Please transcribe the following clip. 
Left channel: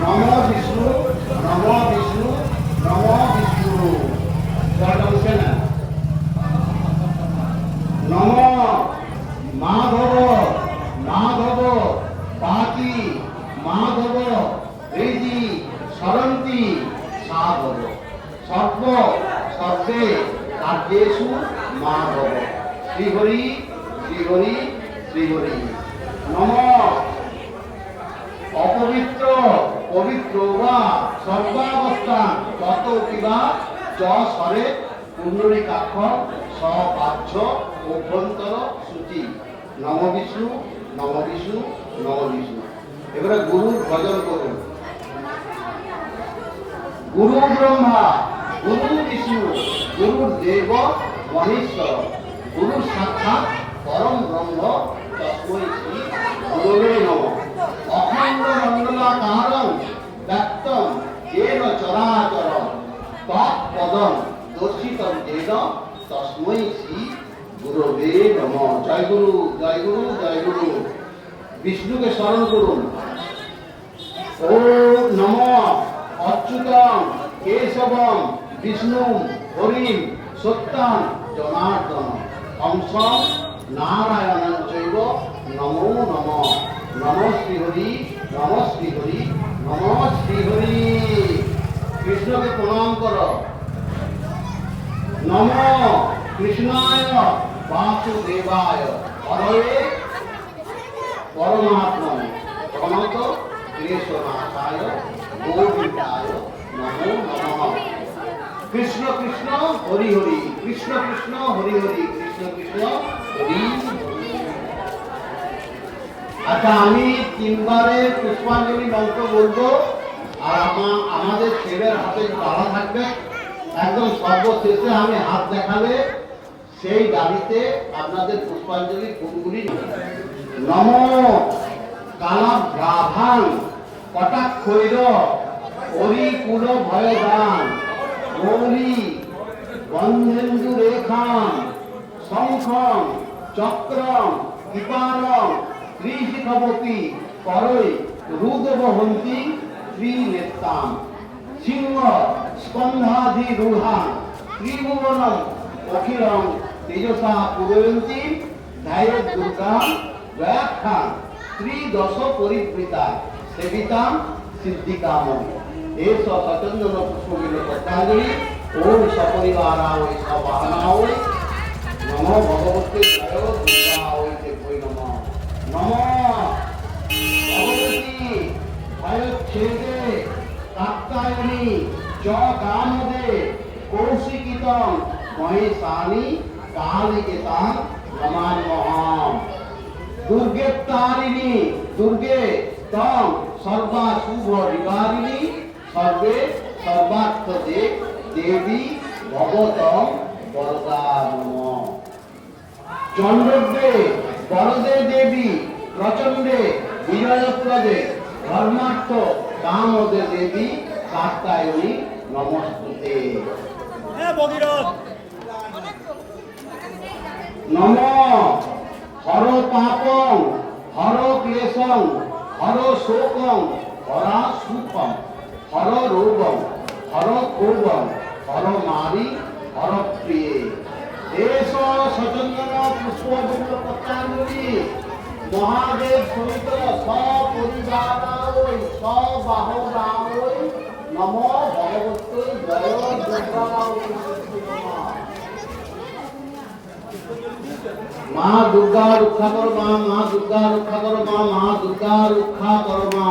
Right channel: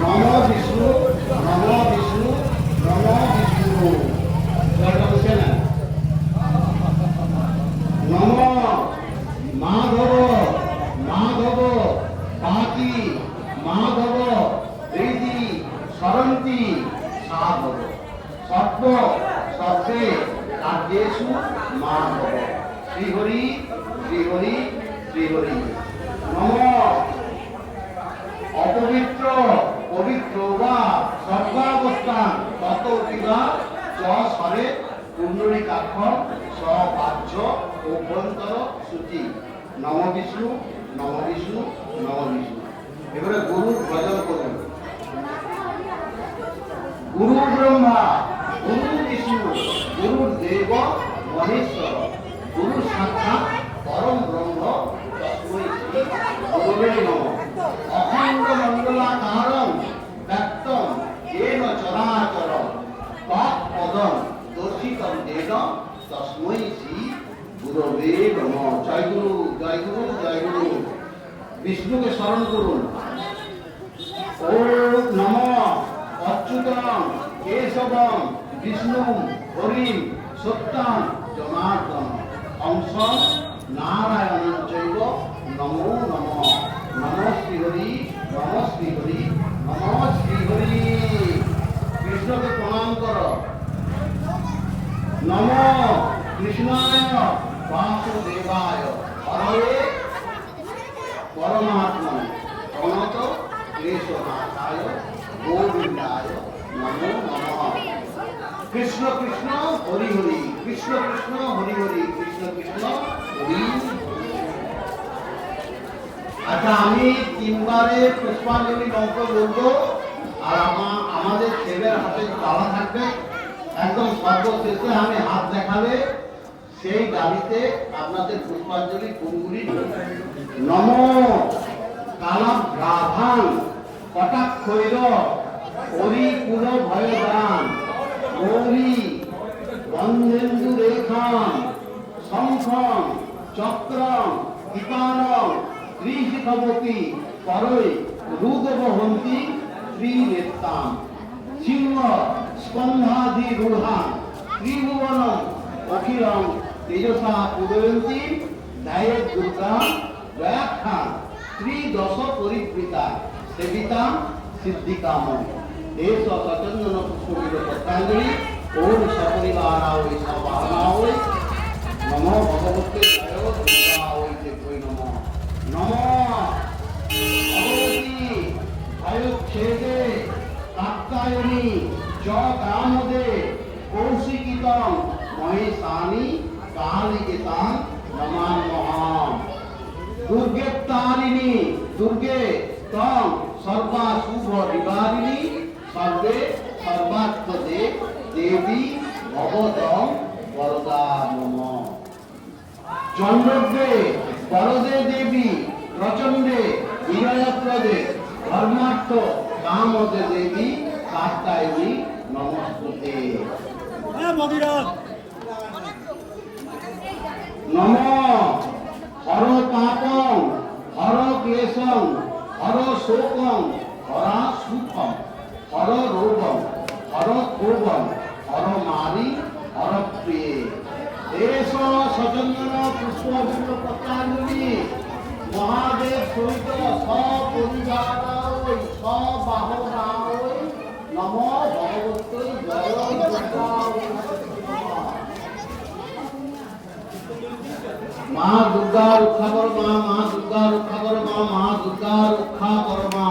নম বিষ্ণু, নম বিষ্ণু, নম বিষ্ণু। জয়টা বলছে না? নম মাধব, মাধব পাতি, মাধব হৃদি সরন্তি সাধব। সর্ব সর্বে কার্যেষু মাধব। শ্রীহরি শ্রীহরি শ্রীহরি। নম অপবিত্র পবিত্র বা সর্বাবস্থান তত কিবা চ স্বরে পুণ্ডরীকাক্ষ সপাচ্ছ অভ্যন্তর সূচি। নম বিষ্ণু, নম বিষ্ণু, নম বিষ্ণু। এবারে গুরুর ভজন করুন। গুরু ব্রহ্মা, গুরু বিষ্ণু, গুরু দেব মহেশ্বর, গুরু সাক্ষাৎ পরম ব্রহ্ম তস্मै শ্রী গুরুবে নমঃ। অখণ্ড মণ্ডলাকারং ব্যক্তং येन চরাচরং তৎপদং দর্শিতং येन তস্मै শ্রী গুরুবে নমঃ। জয় গুরু, জয় গুরু, জয় গুরু। বিষ্ণুকে স্মরণ করুন। ওম নমঃ অচ্যুতং কেশবং বিষ্ণুং হরিং সত্যং জনার্দন হংসং নারায়ণং চৈব নমো নমঃ। নমঃ শ্রীহরি, নমঃ শ্রীহরি, নমঃ শ্রীহরি। কৃষ্ণকে প্রণাম করো। নমঃ কৃষ্ণায় বাসুদেবায় হরে পরমাত্মনে প্রণত ক্লেশনাশায় গোবিন্দায় নমো নমঃ। কৃষ্ণ কৃষ্ণ হরি হরি, কৃষ্ণ কৃষ্ণ হরি হরি, কৃষ্ণ কৃষ্ণ হরি। আচ্ছা, আমি তিনবারে পুষ্পাঞ্জলি মন্ত্র বলবো, আর আমাদের ছেলের হাতে তালা থাকবে। একদম সর্বশেষে আমি হাত দেখাবে, সেই দাবিতে আপনাদের পুষ্পাঞ্জলি গুনগুনি। নম কালাভ্রাভাং কটাক্ষৈর হরিকুল ভয়দান গৌরী বন্ধেন্দু রেখাং শঙ্খং চক্রং কৃপাণং ত্রিশিখবতী করৈ রুদ্রবহন্তি ত্রিনেত্রাং সিংহ স্কন্ধাধিরূঢ়াং ত্রিভুবনং অখিলং তেজসা পূরয়ন্তি ধ্যায়েৎ দুর্গাং দয়াখ্যাং ত্রিদশ পরিবৃতা সেবিতাং সিদ্ধিকামং। এস সচন্দন পুষ্পবিদ পত্রাঞ্জলি। ওম সপরিবারায় সবাহনায় নমো ভগবতে জয় দুর্গায় দেবৈ নমঃ। নমঃ ভগবতী ভয়চ্ছেদে কাত্যায়নী চ কামদে কৌশিকিতং মহেশানি কালিকেতাং নমাম্যহম। দুর্গেত্তারিণী দুর্গে তং সর্বাশুভ নিবারিণী সর্বে সর্বার্থদে দেবী ভবতং বরদা নমঃ। চন্দ্রদ্রে বরদে দেবী প্রচণ্ডে বিজয়প্রদে ধর্মার্থ কামদে দেবী কাত্যায়নী নমস্তুতে। নমঃ হর পাপং হর ক্লেশং হর শোকং হরা সুখং হর রোগং হর ক্ষোভং হর নারী হর প্রিয়ে। এস সচন্দন পুষ্পবিদ পত্রাঞ্জলি মহাদেব সহিত সপরিবারায় সবাহনায় নমো ভগবতে জয় দুর্গা। মা দুর্গা রক্ষা করো মা, মা দুর্গা রক্ষা করো মা, মা দুর্গা রক্ষা করো মা।